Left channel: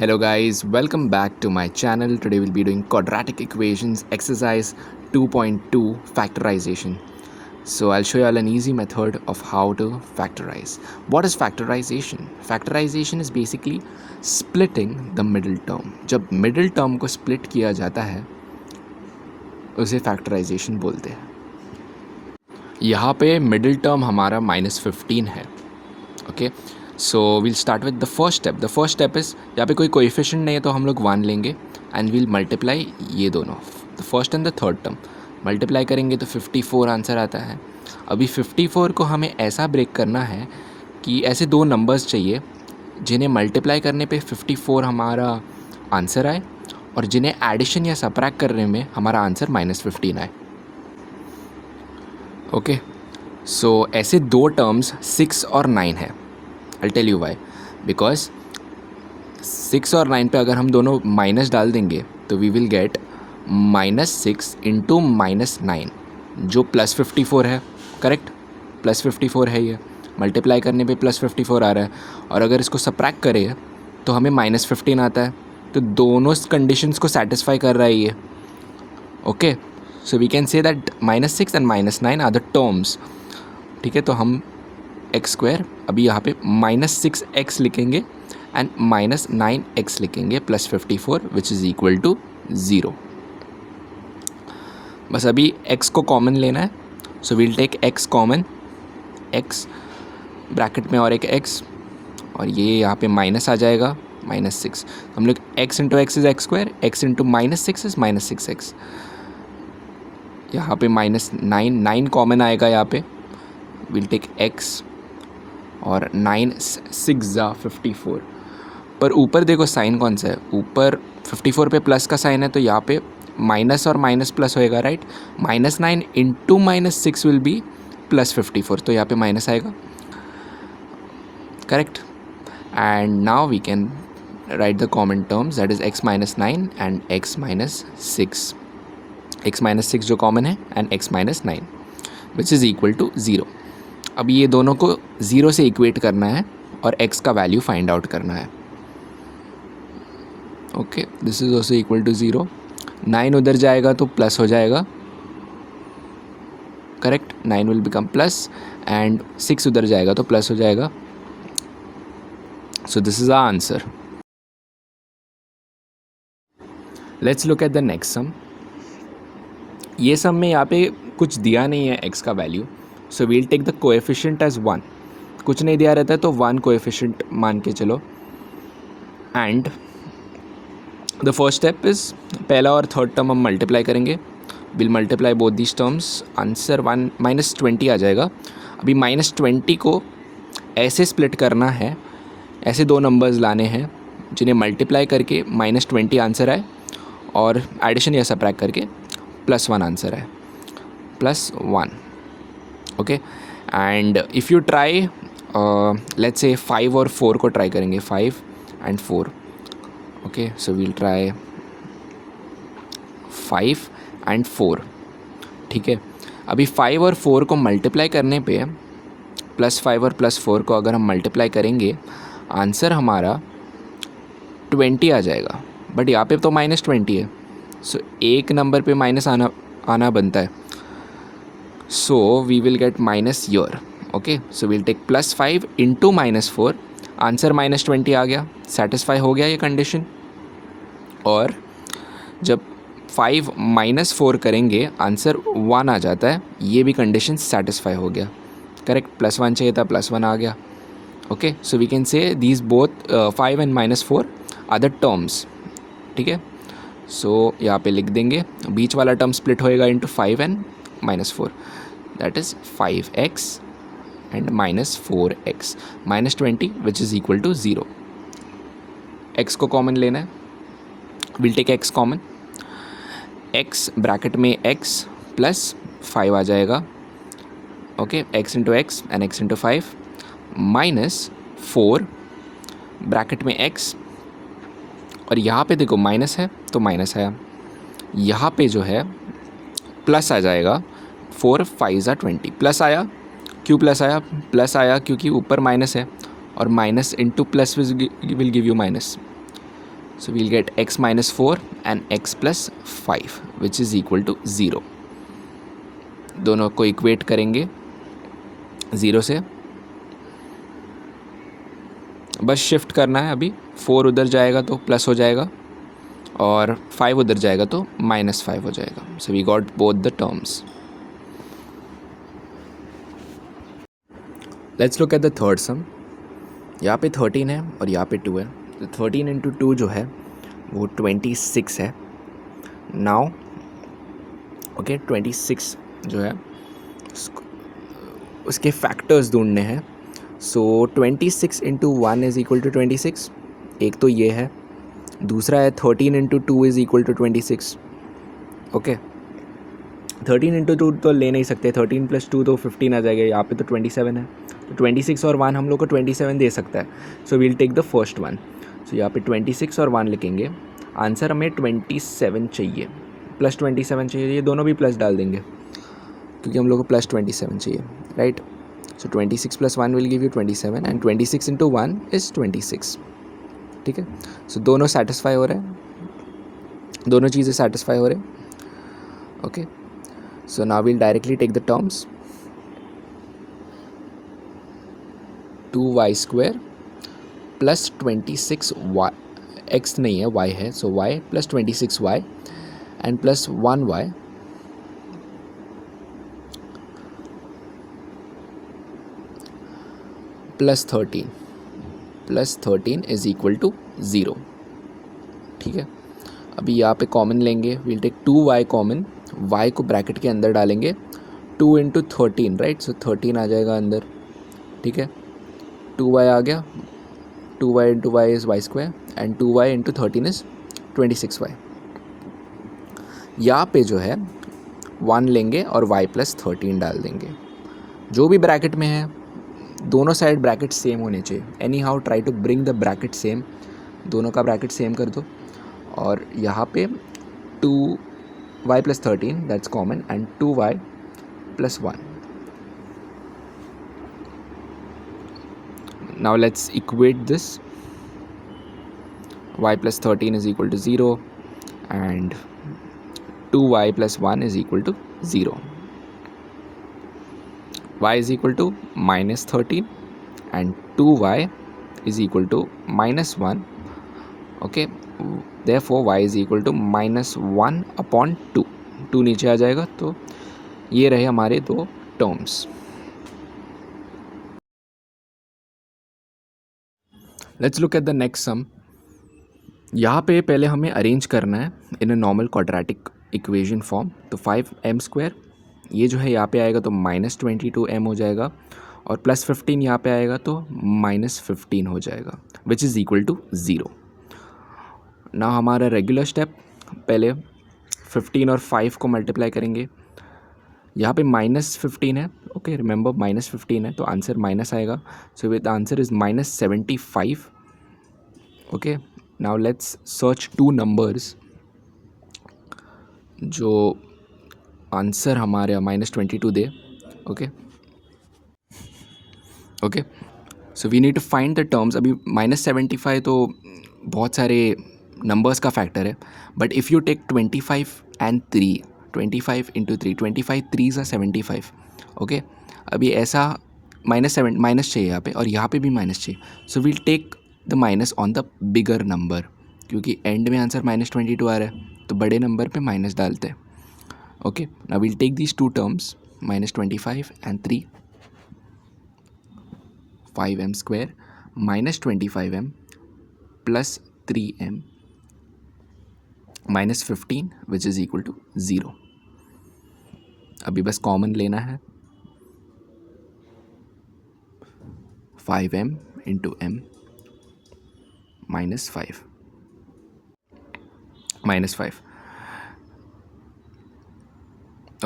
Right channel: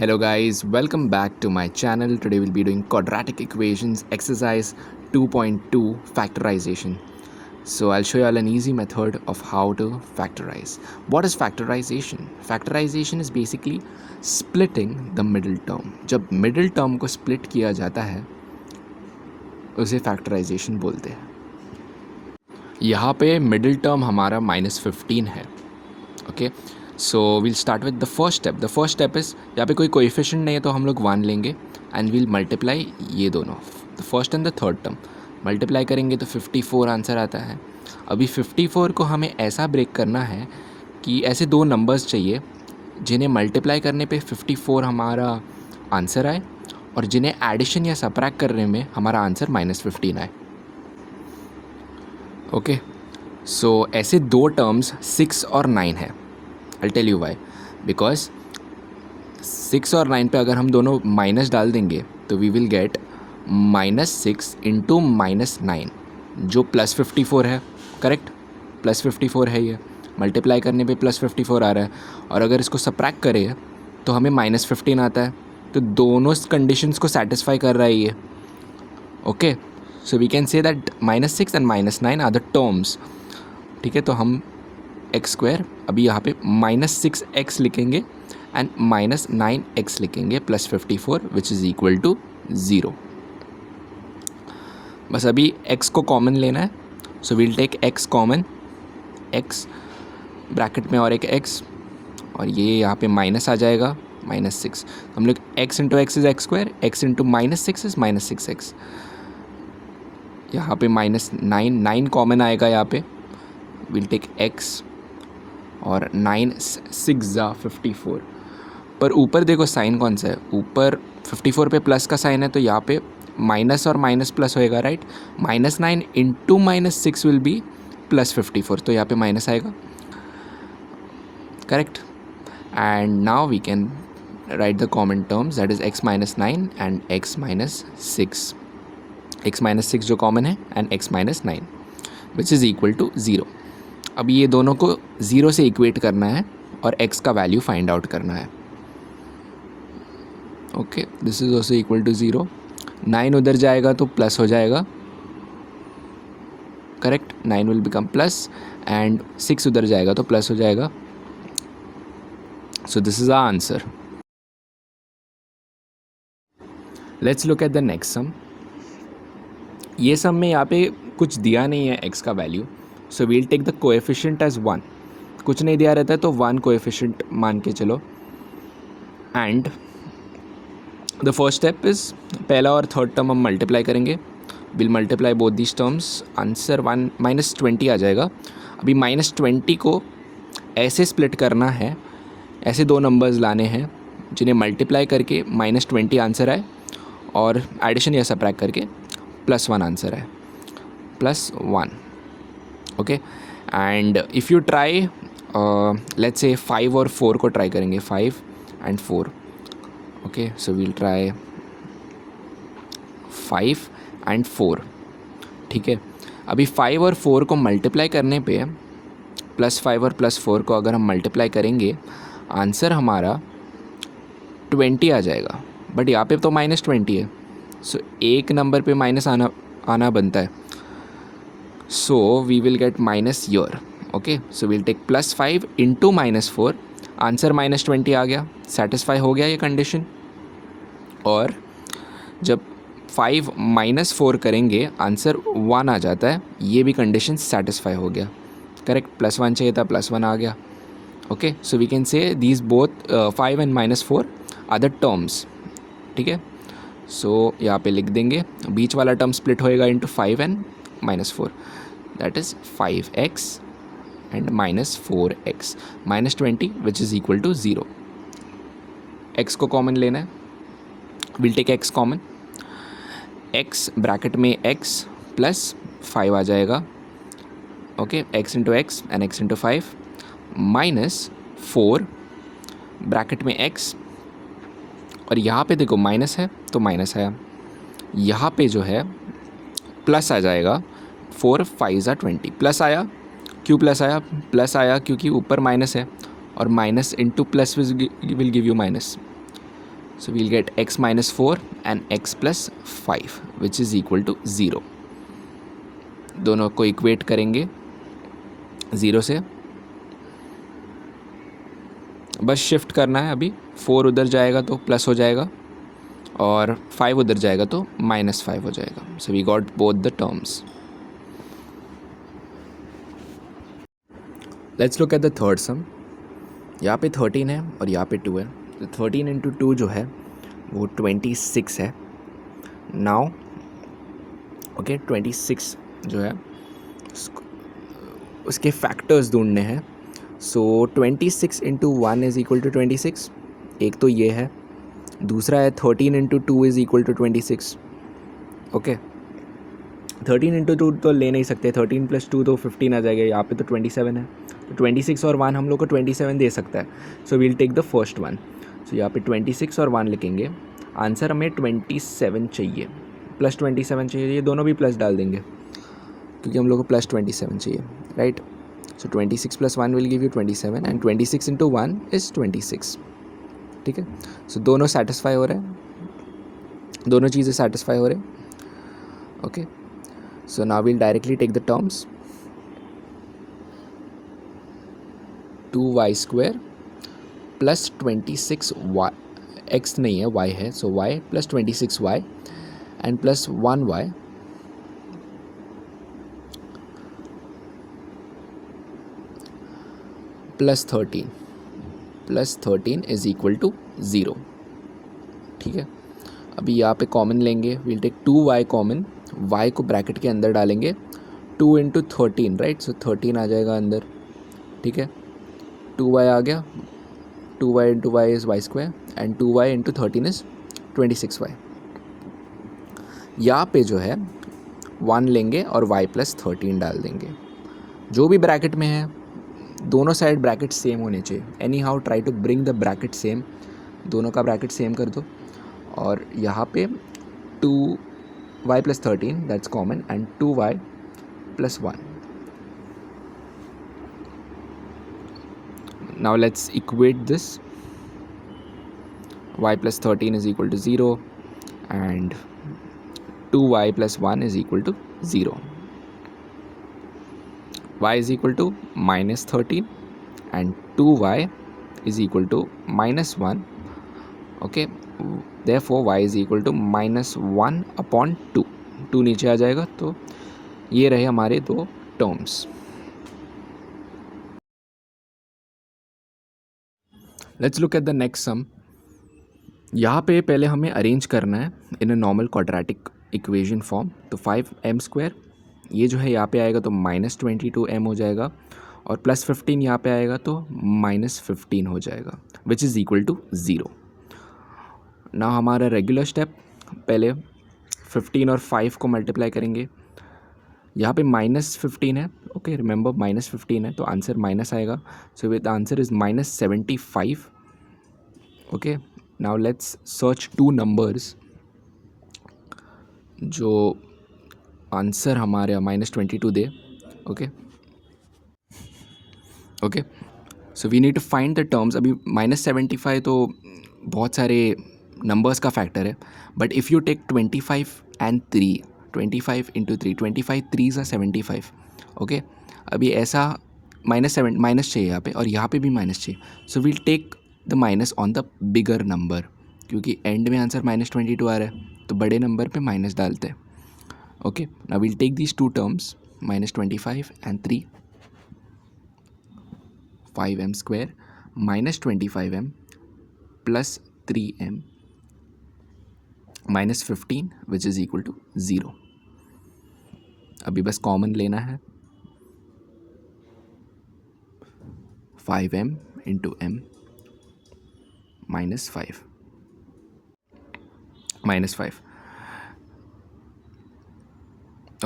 Hello guys, welcome back to my channel. Today we'll be doing quadratic equations exercise 2.2 factorization. So I'll show you all an easy method of how to factorize. What is factorization? Factorization is basically splitting the middle term. जब middle term को split किया जाता है उसे factorization बोलते हैं. यहाँ पे middle term हमारा -15 है. Okay. So we'll start with the first step. The first step is यहाँ पे कोई कोएफिशिएंट नहीं है तो हम लोग 1 लेंगे एंड वील मल्टीप्लाई ये दोनों, the first and the third term multiply करेंगे तो 54 आंसर आता है. अभी 54 को हमें ऐसा ब्रेक करना है कि ऐसे दो नंबर्स चाहिए जिन्हें मल्टीप्लाई करने पे 54 हमारा आंसर आए और जिन्हें एडिशन या सबट्रैक्ट करने में हमारा आंसर -15 आए. ओके, सो ऐसे दो टर्म्स 6 और 9 है. I'll tell you why. Because 6 और 9 पे अगर हम दोनों माइनस डाल देंगे तो वी विल गेट -6 इंटू -9 जो +54 है. करेक्ट, +54 है. ये मल्टीप्लाई करने पे +54 आ रहा है और अगर इसको सबट्रैक्ट करें तो हमें -15 आता है. तो दोनों कंडीशंस को सेटिस्फाई कर रहा है ये. Okay, so we can say that -6 and -9 are the terms. ठीक है, तो हम x² अभी यहाँ पे -6x लिखेंगे एंड -9x लिखेंगे +54 विच इज़ इक्वल टू 0. बस अभी x को कॉमन लेना है. So we'll take x common, x bracket में और एक x और ये यहाँ पे माइनस आ जाएगा -6. हम लोग x into x is x², x into -6 is -6x. यहाँ पे -9 कॉमन आएगा यहाँ पे. वील टेक x और 9 6 54. पर ऊपर देखो साइन कौन सा है, ऊपर 54 पे प्लस का साइन है तो यहाँ पे माइनस और माइनस प्लस होएगा. राइट, -9 इंटू -6 विल बी +54, तो यहाँ पे माइनस आएगा. Correct, and now we can write the common terms that is x -9 and x -6. x -6 जो कॉमन है and x -9 which is equal to 0. अब ये दोनों को 0 से इक्वेट करना है और x का वैल्यू फाइंड आउट करना है. Okay, this is also equal to 0. 9 उधर जाएगा तो प्लस हो जाएगा. Correct, 9 will become plus and 6 उधर जाएगा तो प्लस हो जाएगा. So this is our answer. Let's look at the next sum. ये सम में यहाँ पे कुछ दिया नहीं है x का value, so we'll take the coefficient as 1. कुछ नहीं दिया रहता है तो 1 कोएफिशिएंट मान के चलो. And the first step is पहला और थर्ड टर्म हम मल्टीप्लाई करेंगे. Will multiply both these terms. Answer -20 आ जाएगा. अभी -20 को ऐसे स्प्लिट करना है, ऐसे दो नंबर्स लाने हैं जिन्हें मल्टीप्लाई करके -20 आंसर आए और एडिशन या सबट्रैक्ट करके +1 आंसर आए. +1. Okay, and if you try let's say 5 और 4 को ट्राई करेंगे, 5 and 4. Okay, so we'll try 5 and 4. ठीक है, अभी 5 और 4 को मल्टीप्लाई करने पे +5 और +4 को अगर हम मल्टीप्लाई करेंगे आंसर हमारा 20 आ जाएगा. बट यहाँ पे तो -20 है, सो एक नंबर पे माइनस आना बनता है. So we will get minus here. Okay, so we'll take +5 into -4. Answer -20 आ गया. सेटिस्फाई हो गया ये कंडीशन. और जब 5 -4 करेंगे आंसर 1 आ जाता है. ये भी कंडीशन सेटिस्फाई हो गया. करेक्ट, +1 चाहिए था, +1 आ गया. Okay, so we can say these both 5 and -4 are the terms. ठीक है, सो यहाँ पे लिख देंगे. बीच वाला टर्म स्प्लिट होएगा into 5 and -4. That is 5x and -4x. -20 which is equal to 0. x को कॉमन लेना है. We'll take x common. x bracket में x प्लस 5 आ जाएगा. Okay, x into x and x into 5 -4 bracket में x और यहाँ पे देखो माइनस है तो माइनस आया. यहाँ पे जो है प्लस आ जाएगा. 4 5 20 प्लस आया. क्यों प्लस आया? प्लस आया क्योंकि ऊपर माइनस है और minus into plus will give you minus. So we'll get x minus 4 and x plus 5 which is equal to 0. दोनों को इक्वेट करेंगे 0 से, बस शिफ्ट करना है. अभी 4 उधर जाएगा तो प्लस हो जाएगा और 5 उधर जाएगा तो -5 हो जाएगा. So we got both the terms. Let's look at the third sum. यहाँ पे 13 है और यहाँ पे 2 है. तो 13 इंटू 2 जो है वो 26 है. नाउ ओके 26 जो है उसके फैक्टर्स ढूंढने हैं. So 26 into 1 is equal to 26. एक तो ये है. दूसरा है 13 into 2 is equal to 26. Okay 13 into 2 तो ले नहीं सकते. 13 प्लस 2 तो 15 आ जाएगा. यहाँ पे तो 27 है. तो 26 और 1 हम लोग को 27 दे सकता है. So we'll take the first one. So यहाँ पे 26 और 1 लिखेंगे. आंसर हमें 27 चाहिए, प्लस 27 चाहिए. ये दोनों भी प्लस डाल देंगे क्योंकि हम लोग को प्लस 27 चाहिए, right. So 26 plus 1 will give you 27 and 26 into 1 is 26. ठीक है. सो दोनों सेटिस्फाई हो रहे हैं, दोनों चीज़ें सेटिस्फाई हो रहे हैं. Okay so now will directly take the terms. 2y square plus 26y, x नहीं है y है, so y plus 26y and plus 1y plus 13 is equal to 0. ठीक है. अभी यहाँ पे कॉमन लेंगे. We'll take 2y common. y को ब्रैकेट के अंदर डालेंगे. 2 इंटू 13, राइट. सो 13 आ जाएगा अंदर. ठीक है. 2y आ गया. 2y into y is y square and 2y into 13 is 26y. यहाँ पे जो है 1 लेंगे और y प्लस 13 डाल देंगे. जो भी ब्रैकेट में है दोनों साइड ब्रैकेट सेम होने चाहिए. Anyhow try to bring the bracket same. दोनों का ब्रैकेट सेम कर दो. और यहाँ पे 2y plus 13 that's common and 2y plus 1. Now let's equate this. Y plus 13 is equal to 0 and 2y plus 1 is equal to 0. Y is equal to minus 13 and 2y is equal to minus 1. Okay, therefore y is equal to minus 1 upon 2. 2 नीचे आ जाएगा. तो ये रहे हमारे दो terms. Let's look at the next sum. यहाँ पे पहले हमें अरेंज करना है in a normal quadratic equation form. तो 5m स्क्वायर ये जो है यहाँ पे आएगा तो -22m हो जाएगा और प्लस 15 यहाँ पे आएगा तो -15 हो जाएगा विच इज़ इक्वल टू 0. ना हमारा रेगुलर स्टेप, पहले 15 और 5 को मल्टीप्लाई करेंगे. यहाँ पे -15 है. ओके रिमेंबर -15 है तो आंसर माइनस आएगा. So with answer is -75. Okay now let's search 2 numbers जो आंसर हमारे -22 दे. Okay so we need to find the terms. अभी -75 तो बहुत सारे नंबर्स का फैक्टर है. But if you take 25 and 3, 25 into 3, 25 3s are 75. Okay अभी ऐसा माइनस चाहिए यहाँ पे और यहाँ पे भी माइनस चाहिए. So we'll take the minus on the bigger number क्योंकि एंड में आंसर -22 आ रहा है तो बड़े नंबर पे माइनस डालते हैं. Okay now we'll take these 2 terms -25 and 3. 5m square -25m plus 3m -15 which is equal to 0. अभी बस कॉमन लेना है. 5m into m -5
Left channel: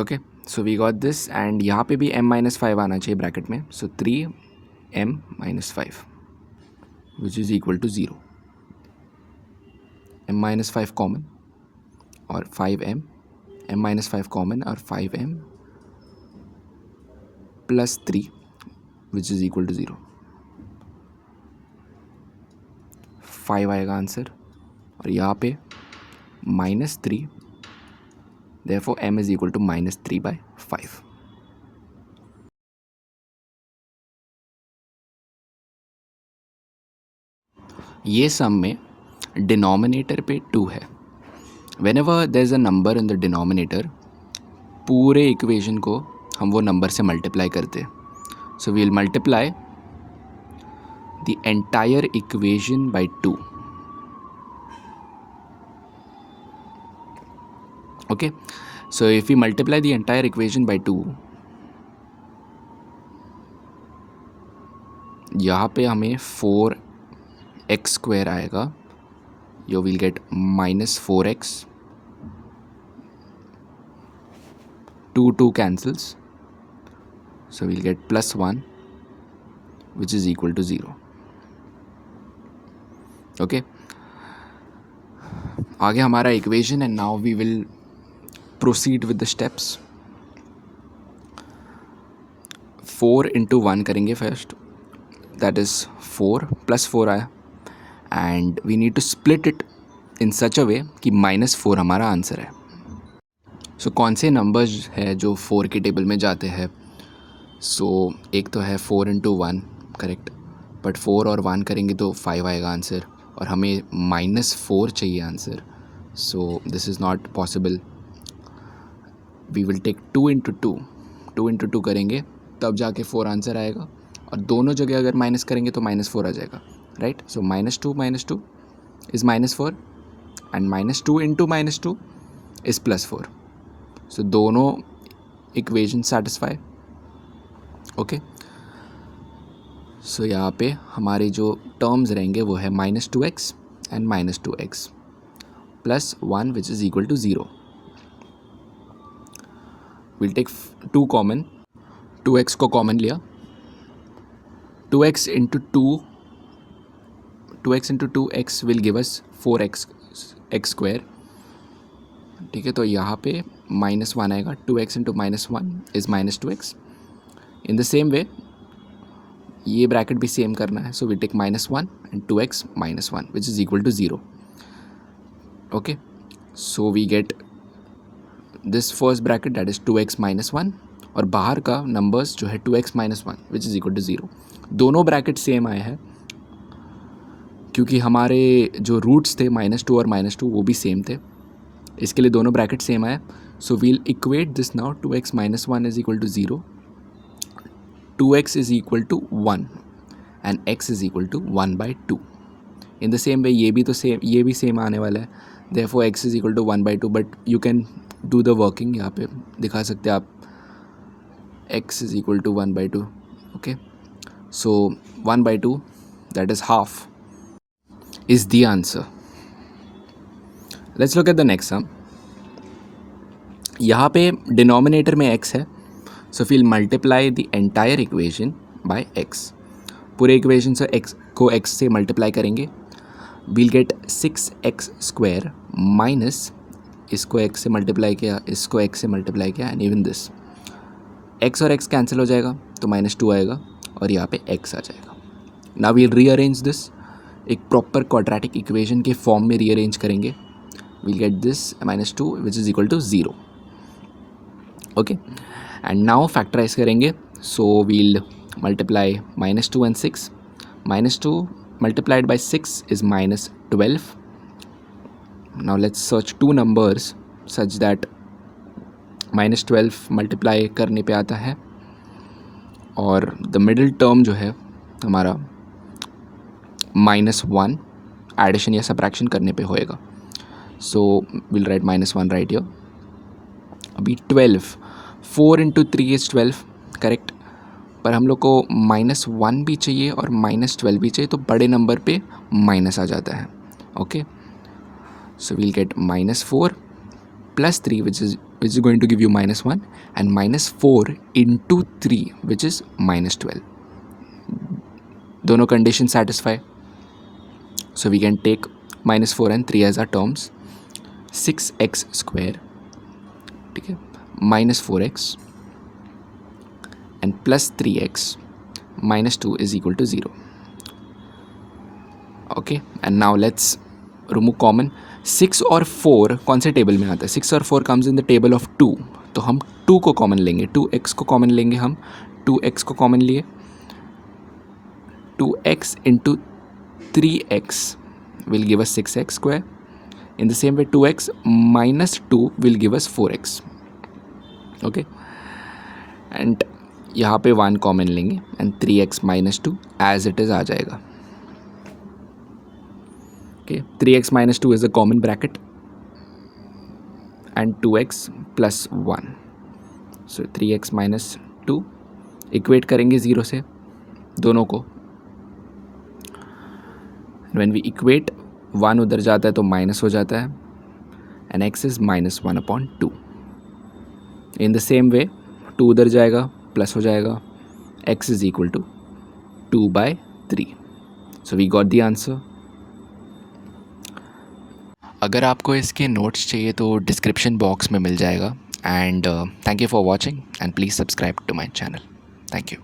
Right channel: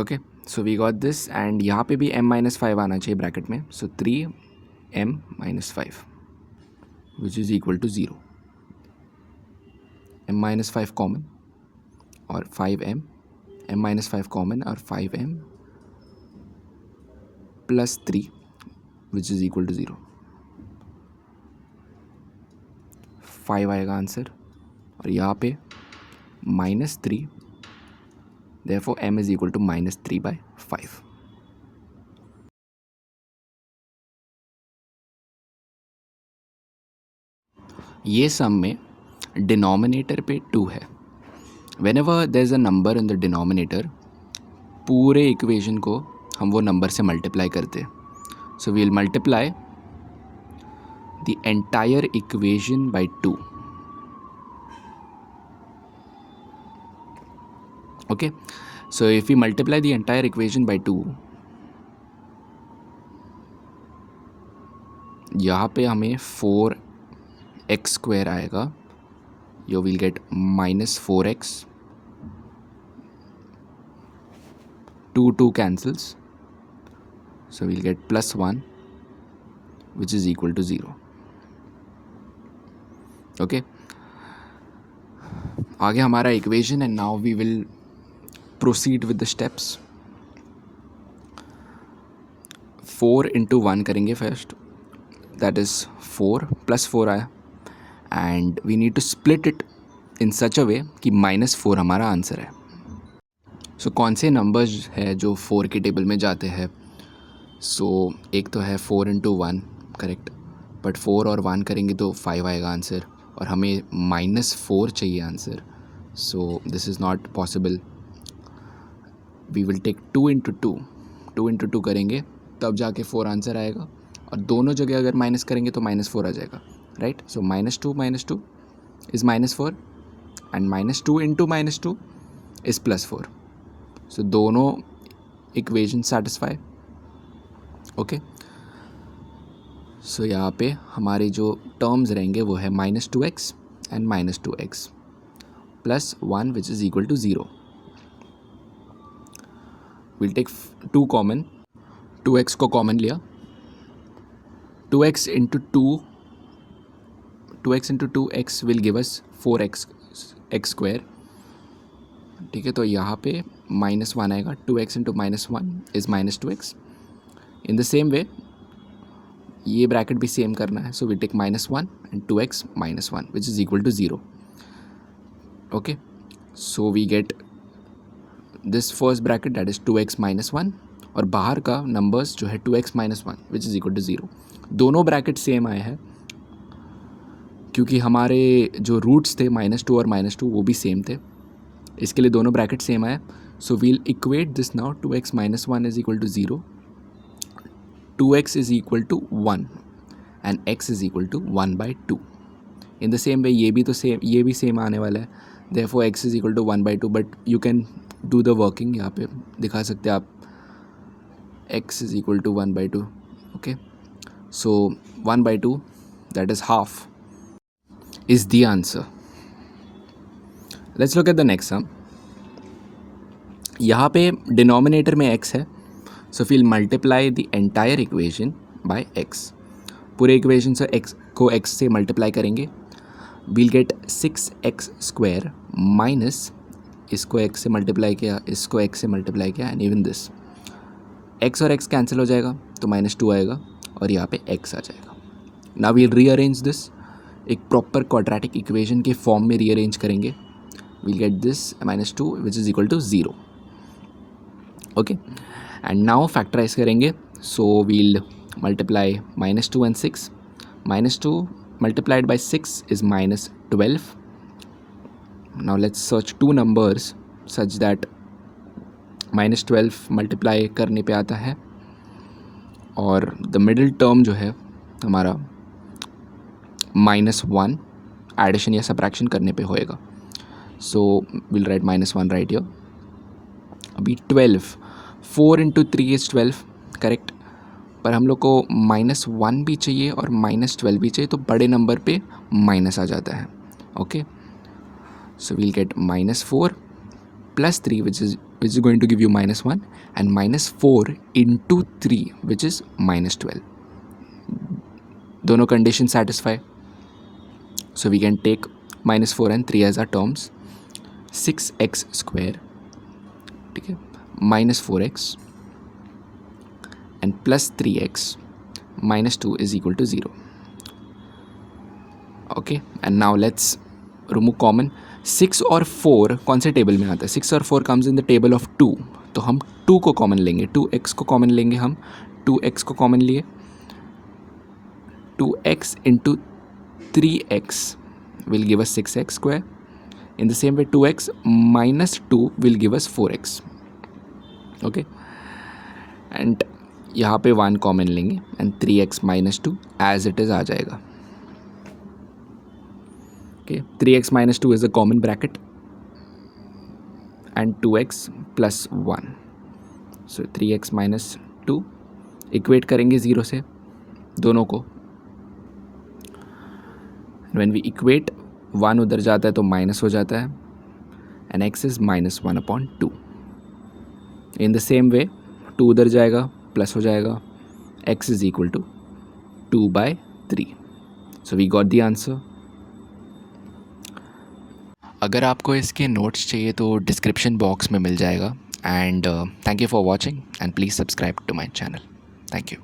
okay so we got this and यहाँ पे भी m-5 आना चाहिए ब्रैकेट में. So 3m -5 which is equal to 0. m-5 common और 5m, m-5 कॉमन और 5m plus 3 which is equal to 0. 5 आएगा आंसर और यहाँ पे -3, therefore m is equal to -3/5. ये सम में डिनोमिनेटर पे 2 है. Whenever there is a number in the denominator, पूरे इक्वेशन को हम वो नंबर से मल्टीप्लाई करते हैं. So we'll multiply the entire equation by 2. Okay, so if we multiply the entire equation by 2, यहाँ पे हमें 4x² आएगा. You will get -4x. 2 cancels, so we'll get +1, which is equal to 0. Okay, आगे हमारा equation, and now we will proceed with the steps. 4 into 1 करेंगे first, that is 4 plus 4 आया, and we need to split it in such a way कि -4 हमारा answer है. सो कौन से numbers है जो 4 के टेबल में जाते हैं? सो एक तो है 4 into 1, करेक्ट, बट 4 और 1 करेंगे तो 5 आएगा आंसर, और हमें -4 चाहिए answer. So this is not possible. We will take 2 into 2. 2 into 2 करेंगे तब जाके 4 आंसर आएगा, और दोनों जगह अगर माइनस करेंगे तो -4 आ जाएगा, right. So -2 is -4, and -2 into -2 is +4. सो दोनों इक्वेशन सेटिस्फाई. ओके, सो यहाँ पे हमारे जो टर्म्स रहेंगे वो है -2x and -2x plus 1 which is equal to 0. Will take 2 common. 2x को कॉमन लिया. 2x into 2x will give us 4x². ठीक है, तो यहाँ पे -1 आएगा. 2x into -1 is -2x. In the same way ये ब्रैकेट भी सेम करना है, so we take -1 and 2x -1 which is equal to 0. Okay, so we get this first bracket, that is 2x -1, और बाहर का नंबर्स जो है 2x -1 which is equal to 0. दोनों ब्रैकेट सेम आए हैं क्योंकि हमारे जो रूट्स थे -2 और -2 वो भी सेम थे, इसके लिए दोनों ब्रैकेट सेम आया. So we'll equate this now. 2x -1 is equal to 0, 2x is equal to 1 and x is equal to 1/2. In the same way ये भी सेम आने वाला है. Therefore x is equal to 1/2, but you can do the working. यहाँ पे दिखा सकते हैं आप, x is equal to 1/2. Okay, so 1/2, that is half, is the answer. Let's look at the next sum. यहाँ पे डिनोमिनेटर में x है, so we'll multiply the entire equation by x. पूरे इक्वेशन से x को x से multiply करेंगे. we'll get 6x² minus इसको x से मल्टीप्लाई किया, इसको x से मल्टीप्लाई किया, एंड इवन दिस. x और x कैंसिल हो जाएगा तो -2 आएगा, और यहाँ पे x आ जाएगा. Now we'll rearrange this. एक प्रॉपर क्वाड्रेटिक इक्वेशन के फॉर्म में रीअरेंज करेंगे. We'll get this -2 which is equal to 0. Okay, and now factorise करेंगे. So we'll multiply -2 and 6. -2 multiplied by 6 is -12. Now let's search 2 numbers such that -12 multiply करने पे आता है, और द मिडिल टर्म जो है हमारा -1 एडिशन या सब्ट्रैक्शन करने पे होएगा. So will write -1 right here. अभी 12, 4 into 3 इज़ 12, करेक्ट, पर हम लोग को -1 भी चाहिए और -12 भी चाहिए, तो बड़े नंबर पे माइनस आ जाता है. Okay, so we'll get -4 plus 3 which is going to give you -1, and -4 into 3 which is -12. दोनों condition satisfy. So we can take -4 and 3 as our terms. 6x², ठीक है, -4x and plus 3x -2 is equal to 0. Okay, and now let's remove common. 6 और 4 कौन से table में आता है? 6 और 4 comes in the table of 2, तो हम 2 को कॉमन लेंगे, 2x को कॉमन लेंगे हम, 2x को कॉमन लिए, 2x into 3x will give us 6x square. In the same way 2x minus 2 will give us 4x. Okay, and यहाँ पे 1 कॉमन लेंगे and 3x minus 2 as it is आ जाएगा. Okay, 3x minus 2 is a common bracket and 2x plus 1. So 3x minus 2 equate करेंगे 0 से दोनों को. When we equate 1 उधर जाता है तो माइनस हो जाता है and x is -1/2. In the same way 2 उधर जाएगा प्लस हो जाएगा, x is equal to 2/3. So we got the answer. अगर आपको इसके नोट्स चाहिए तो डिस्क्रिप्शन बॉक्स में मिल जाएगा. And thank you for watching and please subscribe to my channel. Thank you.